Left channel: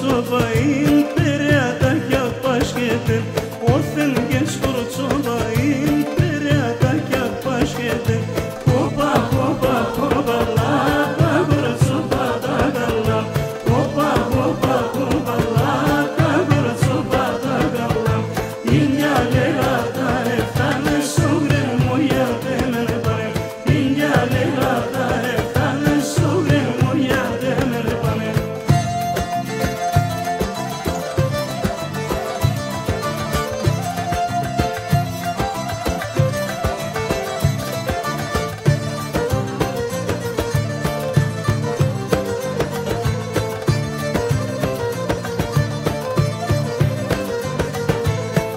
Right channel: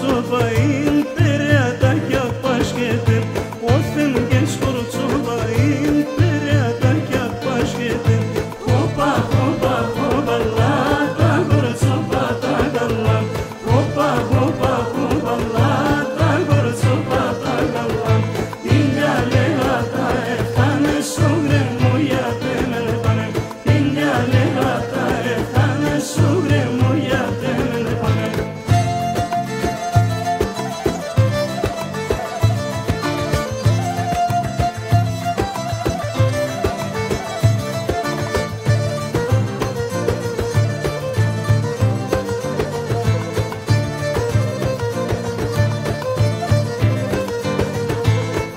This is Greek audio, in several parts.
skorçobayın peryataka paşketin Othen ge skorçobayın peryataka paşketin Hopa hopa hopa la ta gorçoba ta gallam Hopa hopa hopa la ta gorçoba ta gallam İnjale hata eftane sogre moya temene panem İnjale hata eftane sogre moya temene panem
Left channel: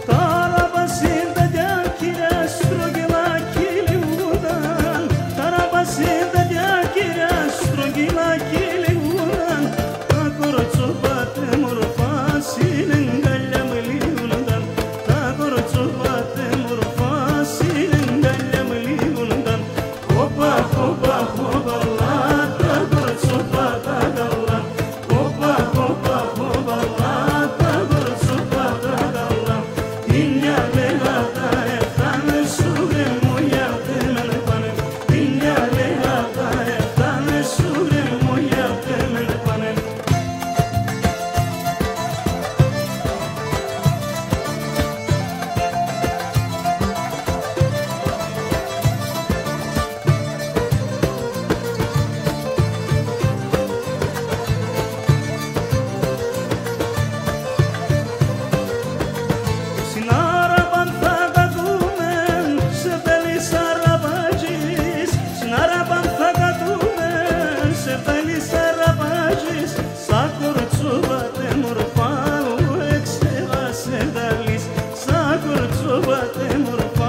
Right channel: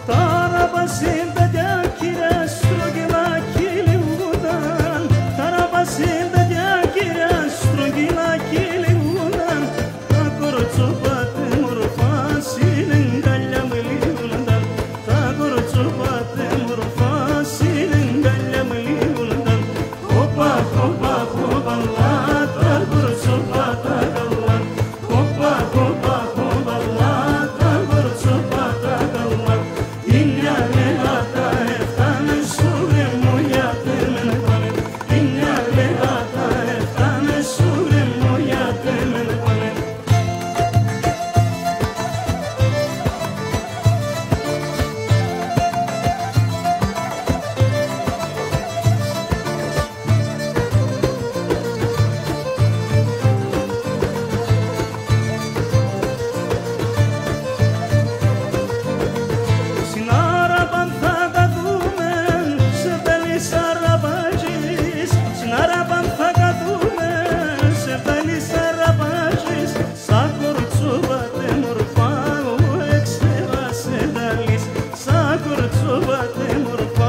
Tarabasinda jakira strogila kilivudan Tarabasinda jakira strogila kilivudan Takorçobate morfasilin gallamliundan Takorçobate morfasilin gallamliundan Hopa hopa hopa la takorçobata gallan Hopa hopa hopa la takorçobata gallan İnjale hata eftane sugre moya temene panem İnjale hata eftane sugre moya temene panem Στην Άραπαν θα καθούμε, σε θέλεις αραπάζεις Στην Άραπαν θα καθούμε, σε θέλεις αραπάζεις Σαν κορτσόβατε μορφά, ο εξέβασε δαλείς Σαν κορτσόβατε μορφά